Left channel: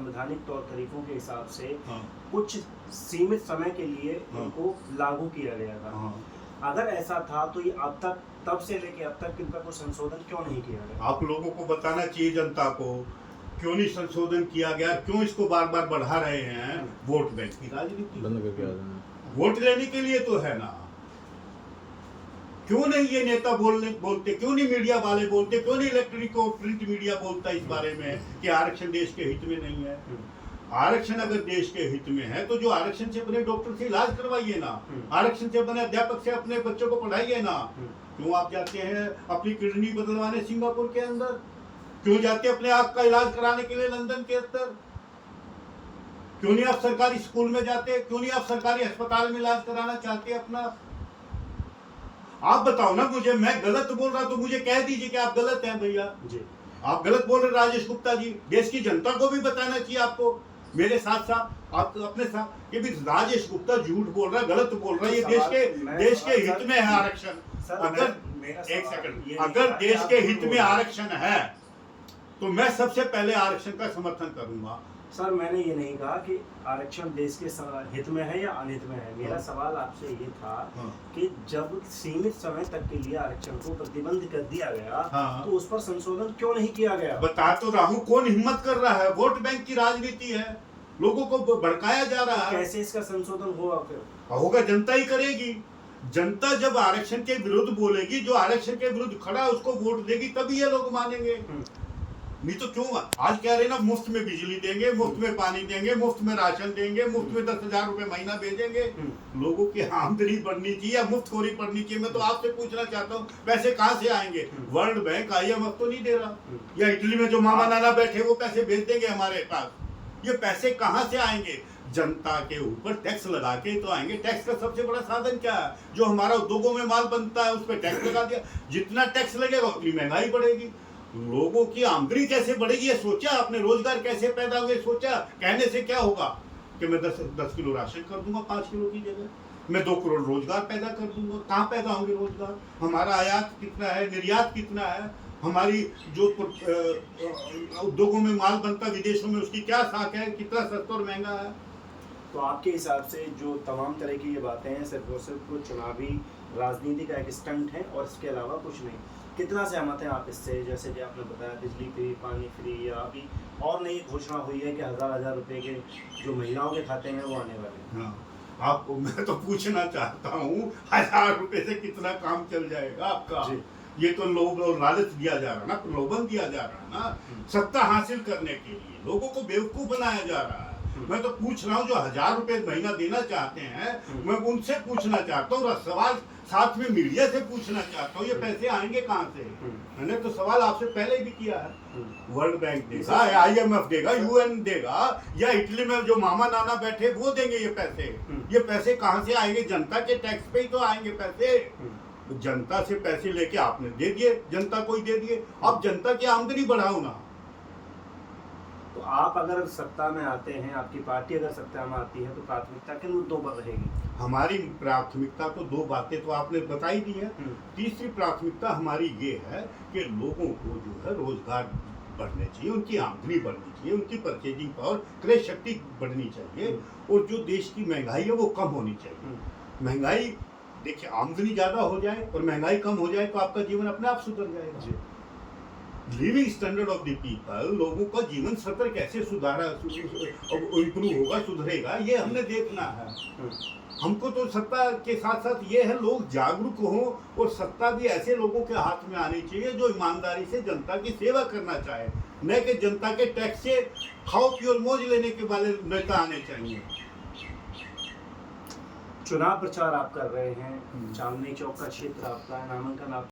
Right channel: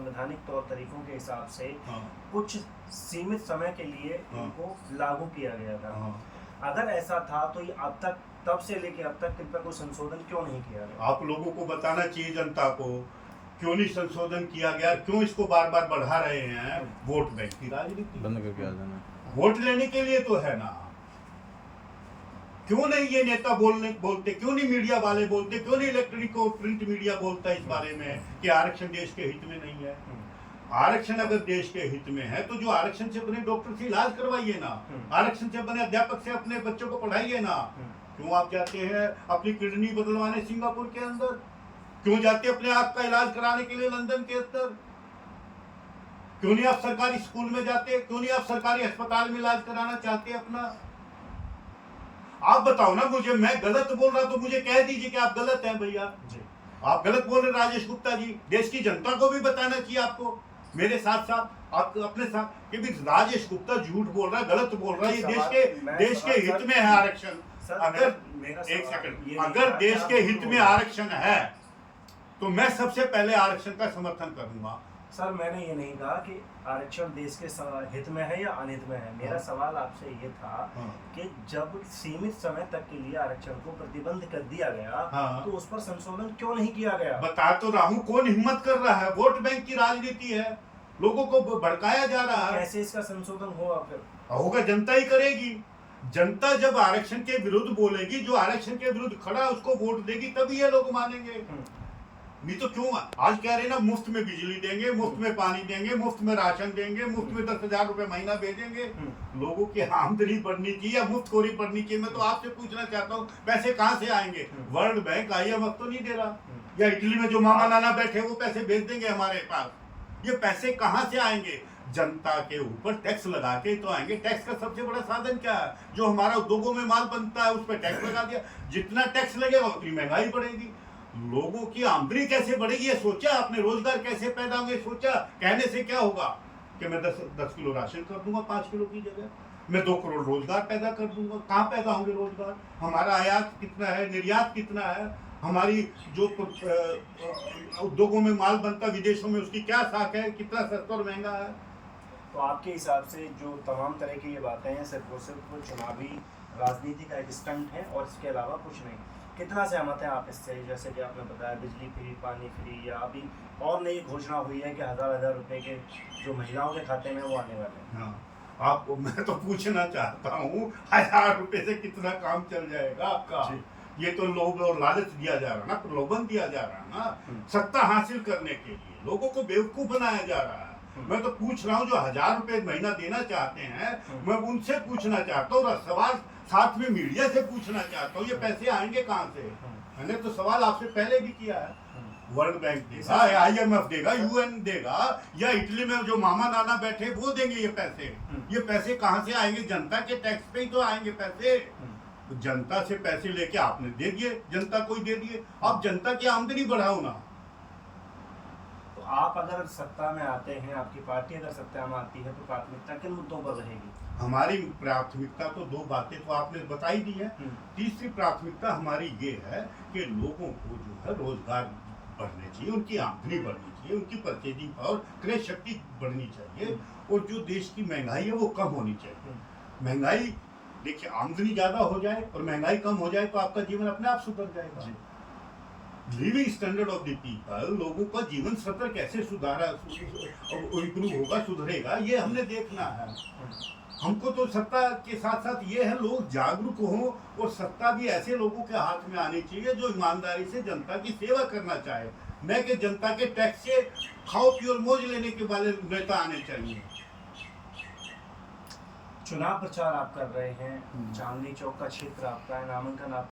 संवैधानिक तौर तरीकों के हिसाब से हाँ। कुछ सीमित समय के लिए हाँ। इनको लागू किया गया था। हाँ। अगर ऐसा था तो ये अब तक, तब से लेके अब तक इनका कोई संशोधन क्यों नहीं किया गया? आप लोगों को बताना चाहिए जनता को, क्यों नहीं संशोधन किया गया, क्यों इसको बार बार बढ़ा रहे हैं? वोट बैंक की राजनीति बंद करके आ जाना। वोट लेने के लिए तो है ना। क्यों नहीं ये नेता बोलते, क्यों नहीं मीडिया वाले बोलते, क्यों नहीं इलेक्ट्रॉनिक और प्रिंट मीडिया बोलता इस बारे में कि आरक्षण देश के हित में नहीं है? आरक्षण अगर देश के हित में है तो जो आरक्षण से बने डॉक्टर से इलाज करवाइए ना, आरक्षण से बने अध्यापक से अपने बच्चों को पढ़ाइए ना। क्यों आप जाते हैं अपनी किडनी बदलवाने सिंगापुर के अंदर? क्यों जाते हैं अपने आंख का इलाज कराने के लिए लंदन के अंदर? क्यों नहीं आप सरकारी स्कूल में जाते? क्यों नहीं आप सरकारी अस्पताल में इलाज कराना चाहते अपना? आप बताओ ना मुझे, मैं गलत बोल रहा तो मुझे कह दीजिए कि आप गलत हैं भैया जी। आप गलत बोल रहे राजेश गुप्ता जी, देश की जनता को भी बताना चाहिए आपको, मेरे साथ साथ आपको अपने साथ, कि भी राजेश गुप्ता झूठ बोल रहा है, गलत बोल रहा है। ये देश के हित में है आरक्षण। अगर एक सेकंड, अगर देश के हित में आरक्षण है तो मैं सबसे पहले आरक्षण का समर्थन करूंगा। सर मैंने ये नहीं कहा कि आरक्षण देश के हित में है या अनहित में है। मेरा सवाल आपसे ये था कि जब सीमित समय तक के लिए आरक्षण को प्रतिबंध कर दिया गया तो उस पर संशोधन क्यों नहीं किया गया? बता तो रहा हूं, कौन हिम्मत कर रहा है? वोट बैंक की राजनीति है, लोगों को भड़काया जा रहा है। कैसे इसका संशोधन होगा? फिर होगा, जनता ही करेगी। जनता जब आरक्षण के विरुद्ध बोलेगी, जो आरक्षण के विरुद्ध खड़ा है उसको वोट देगी, तभी ये लोग मानेंगे। नहीं तो क्यों? आज कह रहे ना मुफ्त में बिजली देंगे, मुफ्त में पानी देंगे, मुफ्त में राशन देंगे, मुफ्त में 10,000 रुपए महीना भेजेंगे। लोगों की आमदनी बढ़नी चाहिए या मुफ्तखोरी बढ़नी चाहिए? मैं तो आपसे पूछना चाहता हूँ, पैसे कहाँ से आएंगे? वर्ल्ड बैंक IMF तो नहीं दे रहा, या इटली में जो मामा नाना बैठे वो पैसे भेज देंगे हमारे पास? ये पैसे कहाँ से आएंगे? जनता के ऊपर टैक्स लगा के तो आएंगे। टैक्स का सबसे बड़ा साधन क्या है? जो हमारा उद्योगों में माल बनता है उस पर टैक्स लगा दिया। जितना टैक्स लगेगा उतनी महंगाई बढ़ेगी, लोगों की आमदनी कैसे बढ़ेगी ये सोचा आपने? रोजगार कैसे पैदा होंगे सोचा? कहने से क्या होगा कि मैं 10 किलो राशन कर दूंगा 5 किलो की जगह, मैं 2 करोड़ रोजगार पैदा कर दूंगा। कहाँ पैदा होंगे रोजगार? हमारा आयात कितना है, निर्यात कितना है? हमारी जो उद्योगों में माल बनता विदेशों में उसकी क्या साख है, कितना सस्ता और महंगा है? तो आपके हिसाब से जो तमाम तरह की ये बातें हैं सिर्फ और सिर्फ चुनावी राजनीति का एक स्टंट है और इसके अलावा कुछ नहीं? कितना सहमत हैं आप इससे? जैसे कि आपने बताया बिजली फ्री, पानी फ्री, या अभी और नई घोषणा हुई है कि 1000 रुपए के जो महिलाओं के खाते में वो आने वाले हैं। आपको मैं तो पूछना चाहता हूँ, 1000 रुपए से कितना काम चल जाएगा आपका? ये तो लोभ और लालच दिया जा रहा है ना, प्रलोभन दिया जा रहा है ना, सत्ता हासिल करने के लिए लोगों को बेवकूफ बनाया जा रहा है। मैं तो पूछ रहा हूँ जो 1000 रुपए महीना देना चाहते हैं, मैं उनसे पूछना चाहता हूँ, और सवाल साथ में मीडिया से पूछना चाहता हूँ, ये पैसे आएंगे कहाँ से? मैंने तो सवाल आपसे पहले भी किया है। वर्ल्ड बैंक देगा, IMF देगा, UN देगा, या इटली में जो मामा नाना बैठे वो देंगे ये पैसे? ये पैसे कहाँ से आएंगे? जनता के टैक्स पे ही तो आएंगे पैसे। जनता से पैसे लेके आपने दे दिए, जनता को ही दे दिए। अब जनता की आमदनी बढ़ाओ ना। तो आप अगर सत्ता में आते हैं, आपकी पार्टी अगर सत्ता में आती है तो प्राथमिकता किन मुद्दों पर रहेगी? हमारी प्राथमिकता तो 2 बातें तो आपने बताई दी है। तीसरी प्राथमिकता हमारी ये है कि लोगों को जो है रोजगार बढ़ने चाहिए, उनकी आमदनी बढ़नी चाहिए, उनकी परचेजिंग पावर, क्रय शक्ति बढ़नी चाहिए, और जो देश की महंगाई है वो कम होनी चाहिए। महंगाई, देखिए, आमदनी ज्यादा हो जाए और महंगाई कम हो जाए तो आपका जीवन अपने आप सुधर जाएगा। Living standard of the people, लोगों का जीवन स्तर कैसे इम्प्रूव होगा, सुधरेगा, ये हमने देखना है। हमको तो सत्ता के साथ साथ ये है लोग जागरूक हों, और सत्ता भी ऐसे लोगों के हाथ में आनी चाहिए जो ईमानदारी से जनता की सेवा करना चाहे, न कि जनता के टैक्स से खाओ पियो और मौज लेने के वाले नेता आने चाहिए। चुनाव प्रचार आप कर रहे हैं, चांदनी चौक का क्षेत्र आपका है, नामांकन आप